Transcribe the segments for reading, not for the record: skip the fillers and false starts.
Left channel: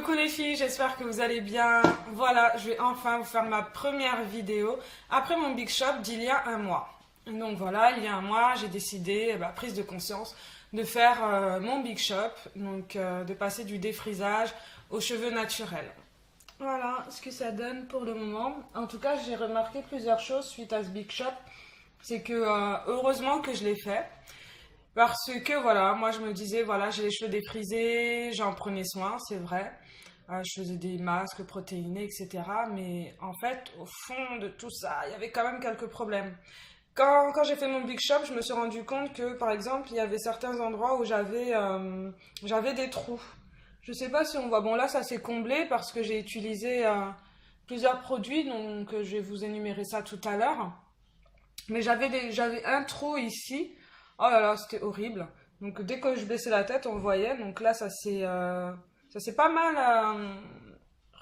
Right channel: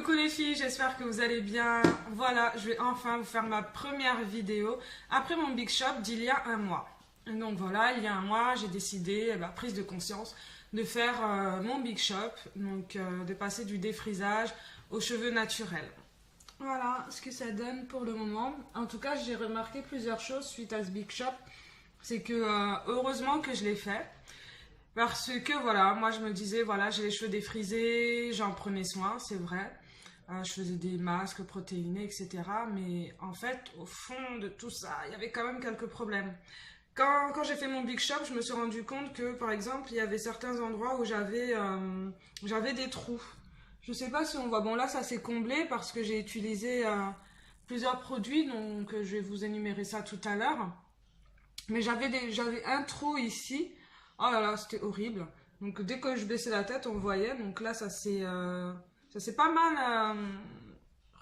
Coucou les filles, j'espère que vous allez bien. Voilà, je vais enfin vous faire ma première vidéo après mon Big Shop d'il y a un mois. Donc voilà, il y a un mois, j'ai décidé, prise de conscience, de faire mon Big Shop, donc de passer du défrisage aux cheveux naturels. Voilà ce que ça donne pour le moment. En tout cas, j'ai remarqué plusieurs choses suite à ce Big Shop. C'est que heureusement que je l'ai fait. Parce que voilà, moi je me disais, voilà, j'ai les cheveux défrisés, j'en prenais soin, c'est vrai. Je faisais des masques protéinés, etc. Mais en fait, au fond de tout ça, il y avait quand même quelques problèmes. Quand j'ai fait mon Big Shop, je me suis rendu compte que, par exemple, il y avait certains endroits où j'avais des trous. Je sais pas si on voit. Bon, là, ça s'est comblé parce que j'ai utilisé plusieurs produits, donc je vais vous énumérer ça tout à l'heure. Mais j'avais un trou ici. Oh là là, c'était horrible. Donc dès que je baissais la tête, on le voyait. Donc là, ça s'est pas mal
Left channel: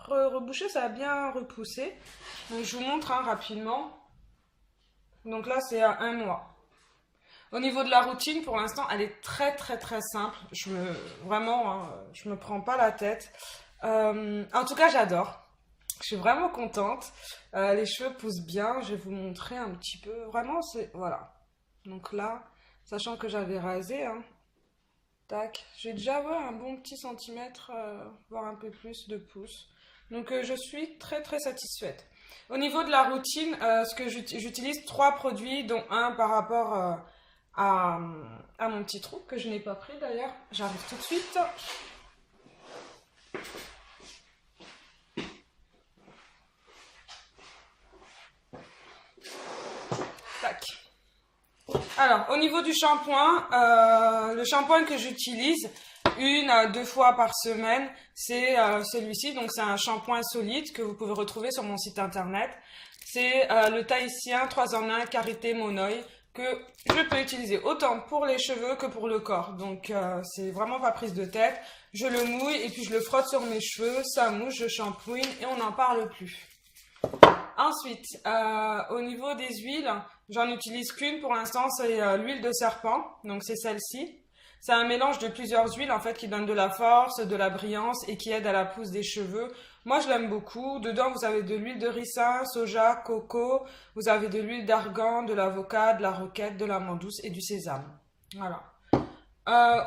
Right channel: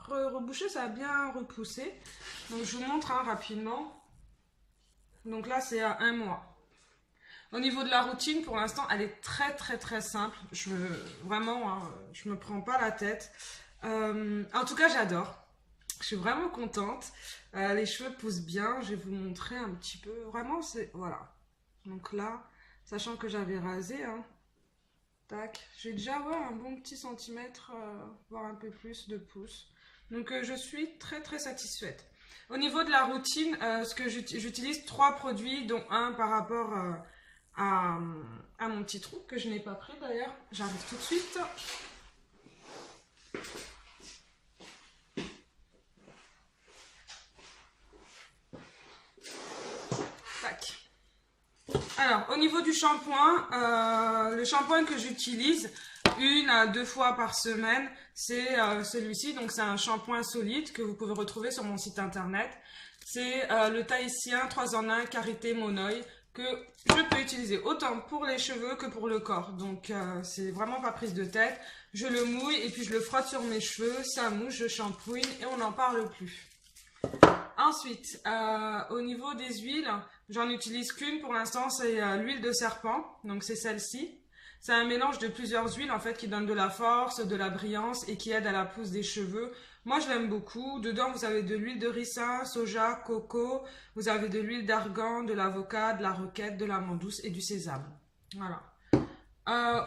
rebouché, ça a bien repoussé. Donc je vous montre rapidement. Donc là, c'est à un mois. Au niveau de la routine, pour l'instant, elle est très très très simple. Vraiment, je me prends pas la tête. En tout cas, j'adore. Je suis vraiment contente. Les cheveux poussent bien. Je vais vous montrer un petit peu. Vraiment, c'est... Voilà. Donc là, sachant que j'avais rasé, tac. J'ai déjà un bon petit centimètre, voire un peu plus de pouce. Donc je suis très très satisfaite. Au niveau de la routine, ce que j'utilise 3 produits, dont un par rapport à, à mon petit trou, que je n'ai pas pris d'ailleurs. J'arrive tout de suite. Tac. Alors, au niveau du shampoing, le shampoing que j'utilise 1 à 2 fois par semaine, c'est celui-ci. Donc, c'est un shampoing solide que vous pouvez retrouver sur mon site internet. C'est le Tahitien 3 en 1 Karité Monoï que je peux utiliser autant pour les cheveux que pour le corps. Donc, c'est vraiment pas prise de tête. Je le mouille et puis je le frotte sur mes cheveux. Ça mouche, je shampooine et on n'en parle plus. Ensuite, au niveau des huiles, j'en utilise qu'une pour l'instant, c'est l'huile de serpent, donc c'est celle-ci. C'est un mélange de plusieurs huiles en fait qui donne de la force, de la brillance et qui aide à la pousse des cheveux. Moi je l'aime beaucoup. Dedans vous avez de l'huile de ricin, soja, coco, vous avez de l'huile d'argan, de l'avocat, de la roquette, de l'amande douce et du sésame. Voilà.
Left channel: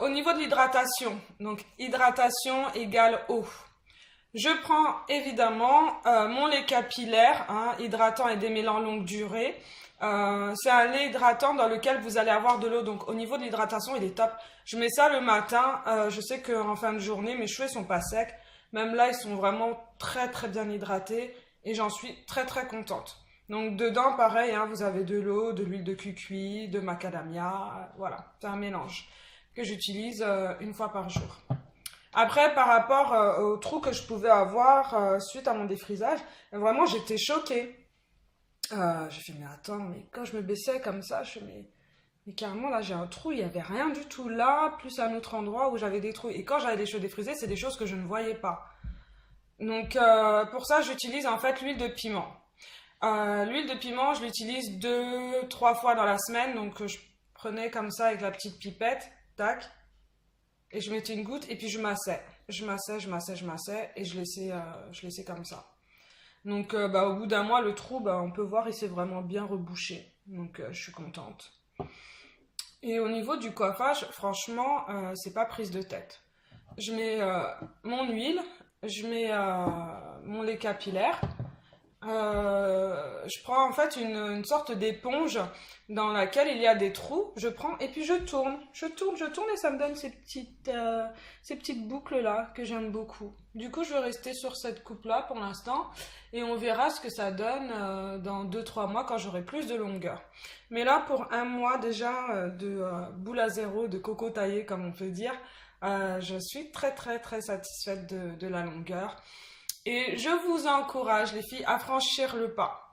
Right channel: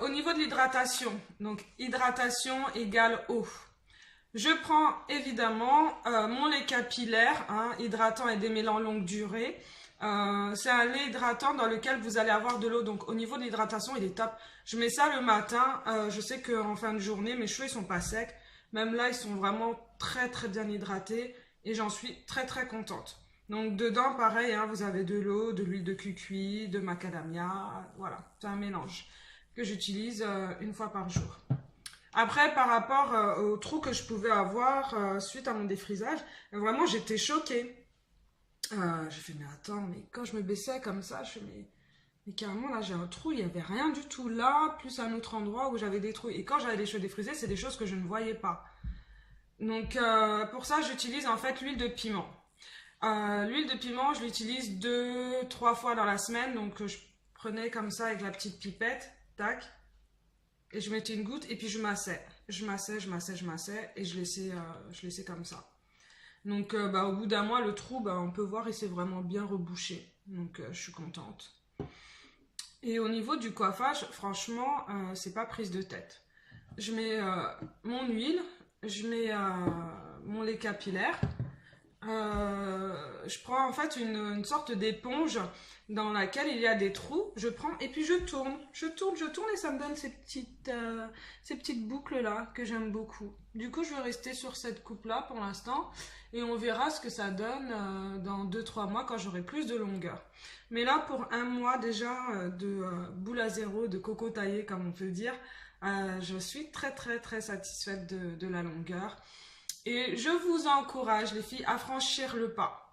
Au niveau de l'hydratation, donc hydratation égale eau. Je prends évidemment mon lait capillaire, hydratant et démêlant longue durée. C'est un lait hydratant dans lequel vous allez avoir de l'eau. Donc au niveau de l'hydratation, il est top. Je mets ça le matin. Je sais qu'en fin de journée, mes cheveux ne sont pas secs. Même là, ils sont vraiment très très bien hydratés. Et j'en suis très très contente. Donc dedans, pareil, vous avez de l'eau, de l'huile de cucuy, de macadamia. Voilà, c'est un mélange que j'utilise 1 fois par jour. Après, par rapport aux trous que je pouvais avoir suite à mon défrisage, vraiment j'étais choquée. J'ai fait, mais attends, mais quand je me baissais comme ça, je fais, mais carrément là j'ai un trou, il n'y avait rien du tout là, plus un autre endroit où j'avais des trous. Et quand j'avais les cheveux défrisés, c'est des choses que je ne voyais pas. Donc pour ça, j'utilise en fait l'huile de piment. L'huile de piment, je l'utilise 2, 3 fois dans la semaine, donc je prenais comme ça avec la petite pipette, tac. Et je mettais une goutte et puis je massais. Je massais et je laissais comme ça. Donc au bout d'un mois, le trou, on peut voir, il s'est vraiment bien rebouché. Donc je suis contente. Et au niveau du coiffage, franchement, c'est pas prise de tête. Je mets mon huile, je mets mon lait capillaire. Je prends en fait une sorte d'éponge dans laquelle il y a des trous. Je prends et puis je tourne et ça me donne ces petites boucles là que j'aime beaucoup. Du coup, je vais rester sur cette coupe là pour l'instant et on verra ce que ça donne dans 2, 3 mois quand j'aurai plus de longueur. Mais là, pour un mois déjà de boule à zéro, de coco taillé comme on peut dire, je suis très très très satisfaite de la longueur. Et je vous encourage, les filles, à franchir le pas.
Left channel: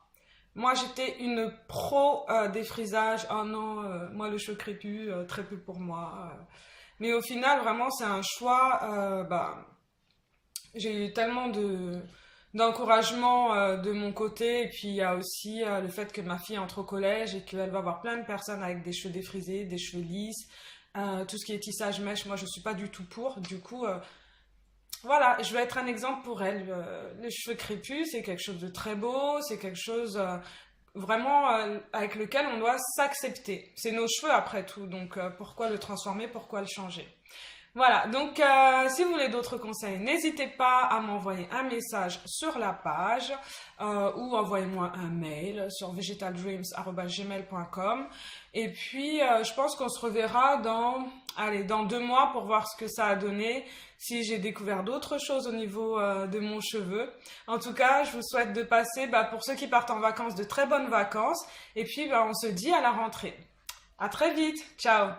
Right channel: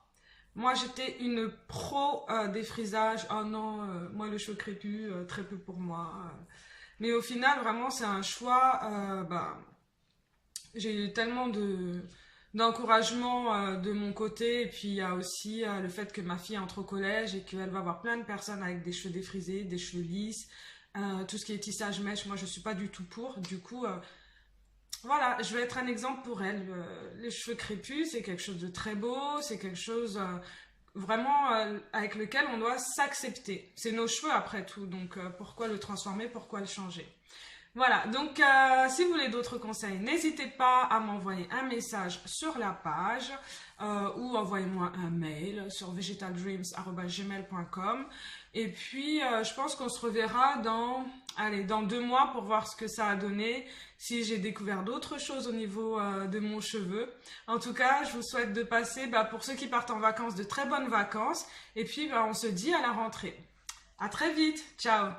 Moi, j'étais une pro des frisages. Oh non, moi, le cheveu crépus, très peu pour moi. Mais au final, vraiment, c'est un choix. J'ai eu tellement d'encouragement de mon côté. Et puis, il y a aussi le fait que ma fille entre au collège et qu'elle va voir plein de personnes avec des cheveux défrisés, des cheveux lisses. Tout ce qui est tissage mèche, moi, je ne suis pas du tout pour. Du coup... Voilà, je vais être un exemple pour elle. Les cheveux crépus, c'est quelque chose de très beau, c'est quelque chose vraiment avec lequel on doit s'accepter. C'est nos cheveux après tout, donc pourquoi le transformer, pourquoi le changer? Voilà, donc si vous voulez d'autres conseils, n'hésitez pas à m'envoyer un message sur la page ou envoyez-moi un mail sur vegetaldreams@gmail.com. Et puis, je pense qu'on se reverra dans 2 mois pour voir ce que ça a donné, si j'ai découvert d'autres choses au niveau de mon cheveu. En tout cas, je vous souhaite de passer, pour ceux qui partent en vacances, de très bonnes vacances. Et puis, on se dit à la rentrée. À très vite. Ciao.